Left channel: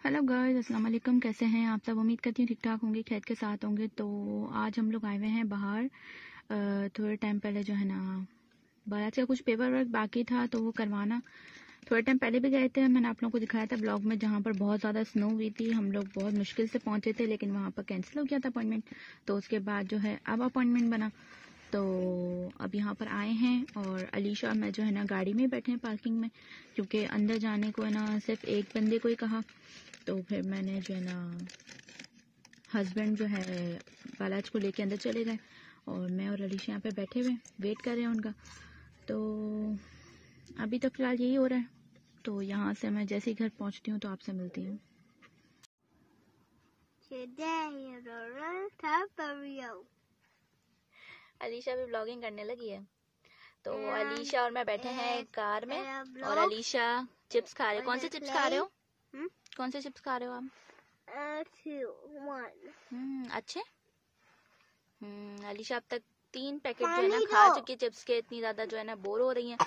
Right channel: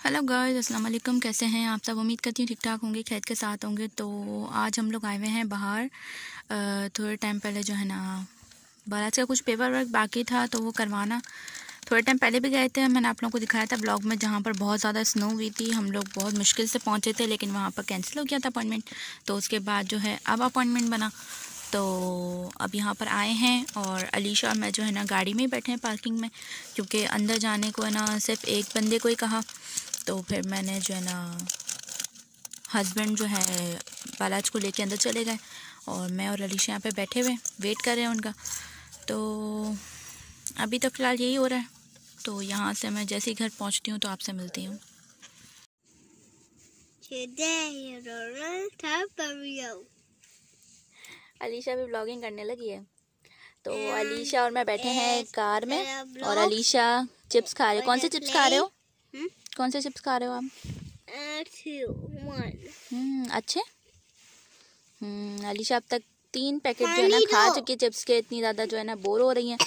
Hello guys, अस्सलाम वालेकुम। कैसे हैं आप सब? उम्मीद करती हूँ ठीक ठाक होंगे, खैर के साथ होंगे। तो आज हम लोग आए हुए हैं बाहर। थोड़े टाइम पहले जो है ना बारात का कुछ पेपर वर्क बाकी था तो वो करवाना। थोड़े टाइम पहले भी गए थे, मैंने आप लोगों को दिखाया था ब्लॉग में, जहाँ पर बहुत ज़्यादा स्नो हुई थी। हम लोग बहुत मुश्किल से पहुँचे थे, लेकिन वहाँ पर कैंसिल हो गया था अपॉइंटमेंट। तो उसके बाद जो है अब अपॉइंटमेंट बना, तो अब यहाँ पर आए हैं। और अलीशा और मैं जो है ना गाड़ी में ही बैठे हैं पार्किंग में, क्योंकि अंदर जाने को है ना सिर्फ एक बंदे को ही कहा। तो फिर मैंने जो है ना हस्बैंड जो है बालाज को लेके अंदर चले गए और मैं और अलीशा यहाँ पे बैठे हुए वेट कर रहे हैं उनका। तो अभी तो फ़िलहाल यही हो रहा है। तो यहाँ से मैं जैसे ही घर पहुँचती हूँ तो आपसे मिलती हूँ। अलीशा भी ब्लॉगिंग करने लगी है। तो अलीशा और मैं बैठे हैं कार में और अलीशा चिप्स खा रहे हो। कौन से चिप्स खा रहे हो? कौन से चिप्स खा रहे हो आप? अच्छे। अलीशा अब तक 3 पैकेट जो है ना खा चुकी है चिप्स के। इतनी ज़्यादा जो है ना बोर हो रही हैं।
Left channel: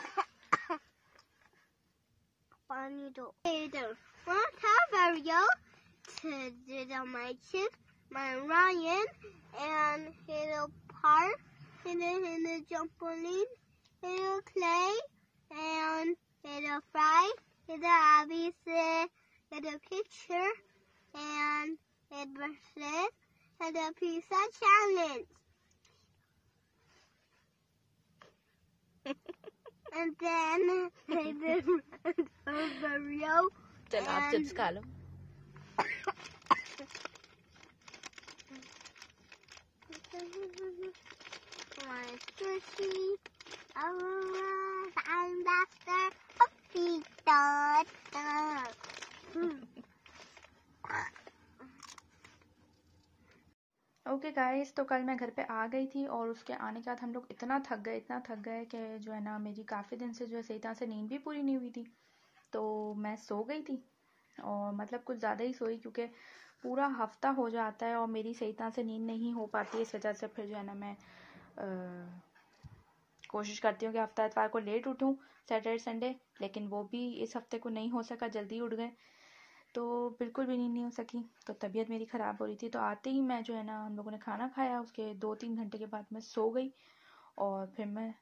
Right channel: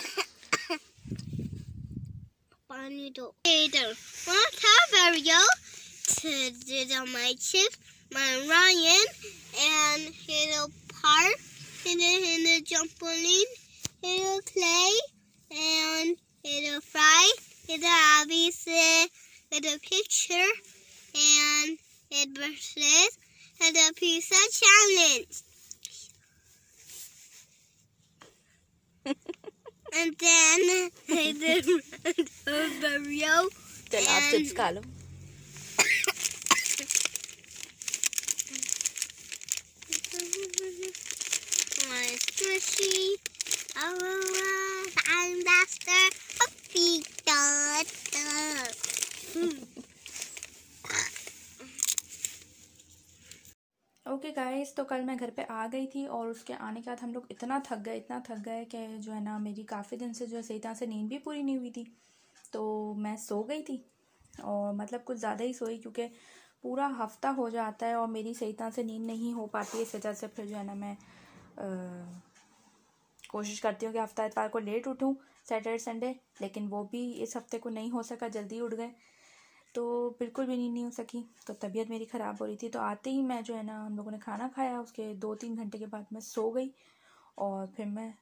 पानी दो। My chips, my Ryan, and hit a park, hit a trampoline, hit a play, and hit a fry, hit a obvious, hit a picture, and hit bracelets, hit a pizza challenge. And then hit a burrito. चल आप chips खा लो। Squishy, and Buster, Puppy Dog. Okay guys, तो कल मैं घर पे आ गई थी और उसके आने के बाद हम लोग इतना थक गए कि जो है ना मेरी काफ़ी दिन से जो है सही तरह से नींद भी पूरी नहीं हुई थी। तो मैं सो गई थी और मतलब कुछ ज़्यादा ही सोई, क्योंकि पूरा हफ्ता हो जाता है और मेरी सही तरह से नींद नहीं हो पाती है। इस वजह से फिर जो है ना मैं कोशिश करती हूँ कि हफ्ता इतवार को लेट उठूँ, सैटरडे संडे, लेकिन वो भी इस हफ्ते को नहीं हो सका, जल्दी उठ गए तो बिल्कुल भी नींद नहीं हो सकी। तो तबीयत मेरी ख़राब हो रही थी। तो आते ही मैं जो है ना हम लोगों ने खाना खाया, उसके 2-3 घंटे के बाद मैं सो गई और फिर मैं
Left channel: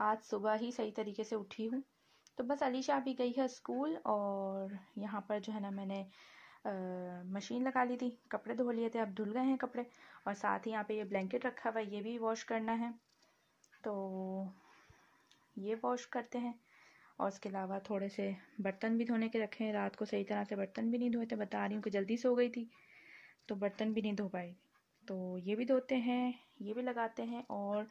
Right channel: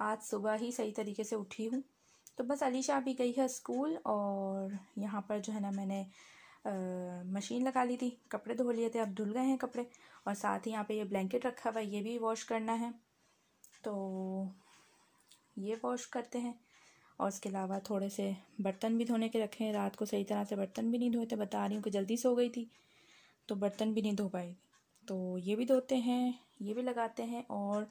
आज सुबह ही सही तरीके से उठी हूँ। तो बस अलीशा अभी गई है स्कूल और यहाँ पर जो है ना मैंने मशीन लगा ली थी, कपड़े धो लिए थे, अब धुल गए हैं कपड़े। और साथ ही यहाँ पे ये ब्लैंकेट रखा हुआ है, ये भी वॉश करना है, तो ये वॉश करते हैं। और उसके अलावा थोड़े से बर्तन भी धोने के रखे हैं। रात को सही तरह से बर्तन भी नहीं धोए थे, बता रही हूँ कि जल्दी सो गई थी तो बर्तन भी नहीं धो पाई। तो ये भी धोते हैं, ये भी लगाते हैं, और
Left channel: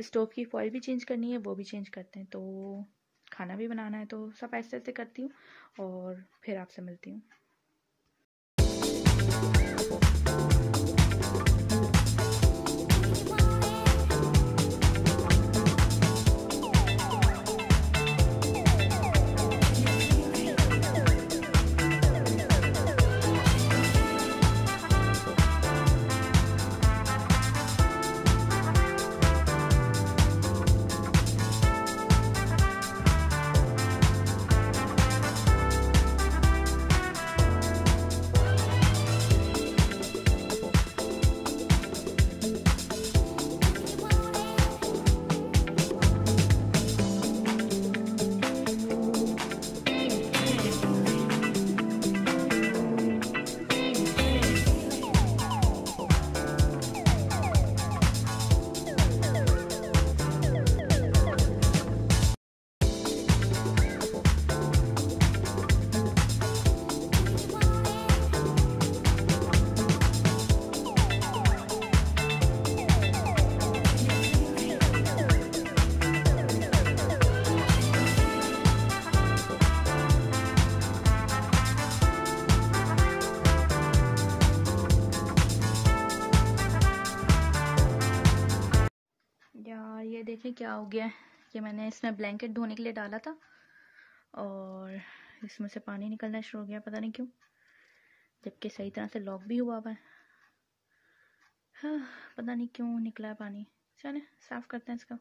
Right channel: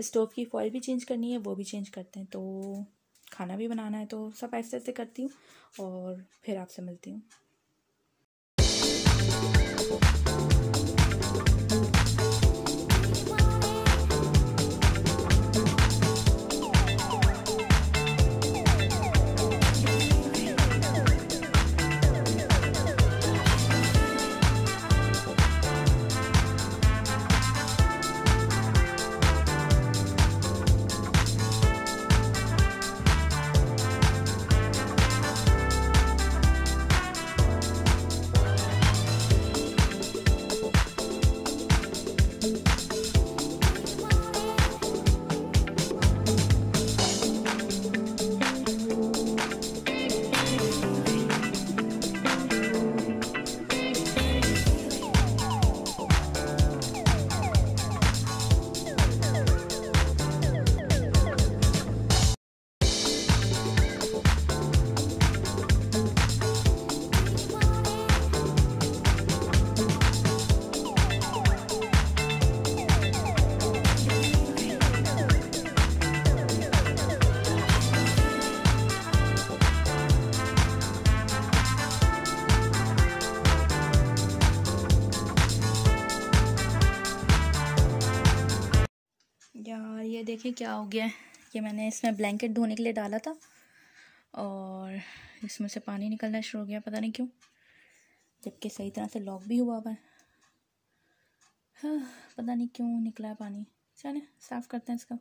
स्टोव की फॉइल भी चेंज करनी है, वो भी चेंज करते हैं। तो खाना भी बनाना है, तो सब ऐसे ऐसे करती हूँ और फिर आपसे मिलती हूँ। ये देखिए क्या हो गया है। ये मैंने इसमें ब्लैंकेट धोने के लिए डाला था और इसमें से पानी निकलना शुरू हो गया, पता नहीं क्यों, जबकि सही तरह से लॉक भी हुआ है। हाँ, पता नहीं क्यों निकला है पानी। चलिए साफ़ करते हैं इसका।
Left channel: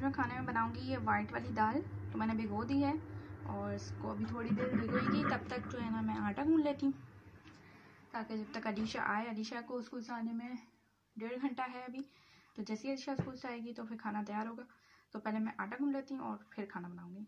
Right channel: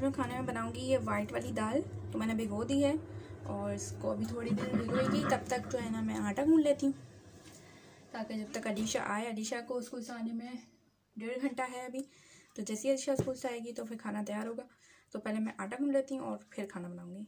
आज मैं खाने में बनाऊंगी ये वाइट वाली दाल। तो मैंने भिगो दी है और इसको अभी थोड़ी देर भिगोएगी। तब तक जो है ना मैं आटा गूंद लेती हूँ, ताकि जब तक अलीशा आए, अलीशा को स्कूल से आने में 1.5 घंटा है अभी। तो जैसे ही अलीशा स्कूल से आएगी तो फिर खाना तैयार होगा। तो पहले मैं आटा गूंद लेती हूँ और फिर खाना बनाऊँगी।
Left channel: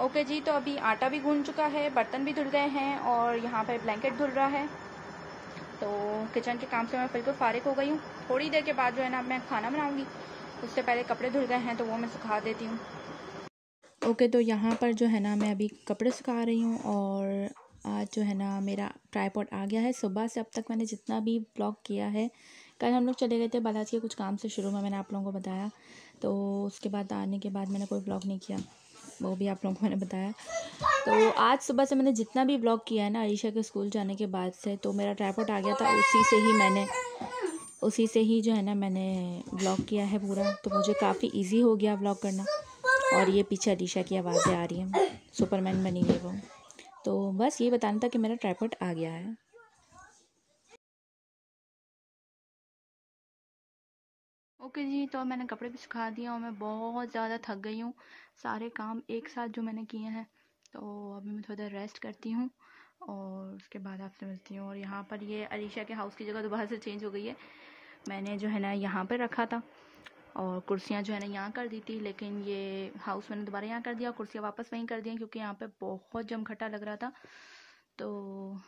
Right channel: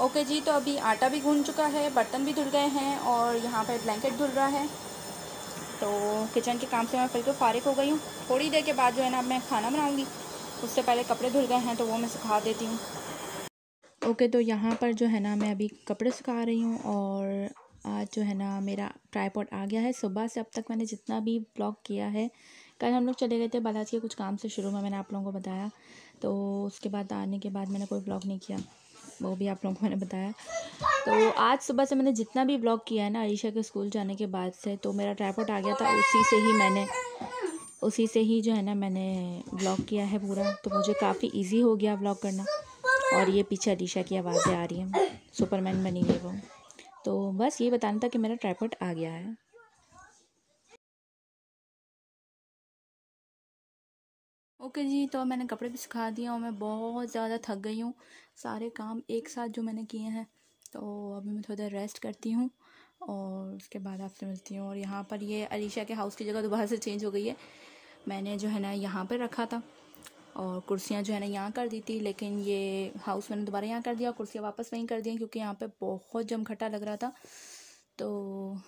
ओके जी, तो अभी आटा भी गूंद चुका है, बर्तन भी धुल गए हैं और यहाँ पे ब्लैंकेट धुल रहा है। तो किचन के काम से मैं बिल्कुल फारिग हो गई हूँ। थोड़ी देर के बाद जो है ना मैं खाना बनाऊँगी। उससे पहले कपड़े धुल गए हैं तो वो मैं सुखा देती हूँ। ओके, तो यहाँ पर जो है ना मैं अभी कपड़े सुखा रही हूँ और आज जो है ना मेरा ट्राइपॉड आ गया है। सुबह से अब तक मैंने जितना भी ब्लॉग किया है, कल हम लोग चले गए थे बालाजी के कुछ काम से, शुरू में मैंने आप लोगों को बताया। तो उसके बाद आने के बाद मैंने कोई ब्लॉग नहीं किया, वो भी आप लोगों को मैंने बताया। तो आज सुबह से मैंने जितना भी ब्लॉग किया है ना अलीशा के स्कूल जाने के बाद से, तो मेरा ट्राइपॉड आ गया था। उसी से ही जो है ना मैंने ब्लॉग किया है पूरा। तो मुझे काफ़ी इजी हो गया ब्लॉग करना। और ये पीछे अलीशा की आवाज़ें आ रही हैं, सुपरमैन बनी है वो। तो बस ये बताना था कि मेरा ट्राइपॉड आ गया है। ओके जी, तो मैंने कपड़े भी सुखा दिए और मैं बहुत ज़्यादा थक गई हूँ, सारे काम एक साथ जो मैंने किए हैं। तो अभी मैं थोड़ी देर रेस्ट करती हूँ और उसके बाद आपसे मिलती हूँ। और यहाँ पर ये अलीशा के हाउस की जगह दोबारा से चेंज हो गई है। मैंने जो है ना यहाँ पर रखा था और कुर्सियाँ जो है ना यहाँ कर दी थी, लेकिन ये हाउस मैंने दोबारा यहाँ कर दिया, कुर्सियाँ वापस वहीं कर दी क्योंकि यहाँ पे बहुत जमघटा लग रहा था। तो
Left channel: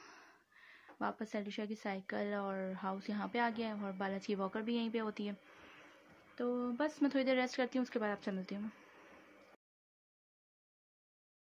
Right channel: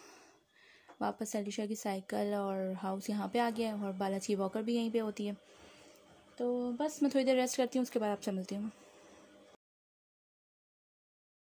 वापस अलीशा की साइकिल और हाउस यहाँ पे आ गया और बालाजी वॉकर भी यहीं पे होती है। तो बस मैं थोड़ी देर रेस्ट करती हूँ, उसके बाद आपसे मिलती हूँ।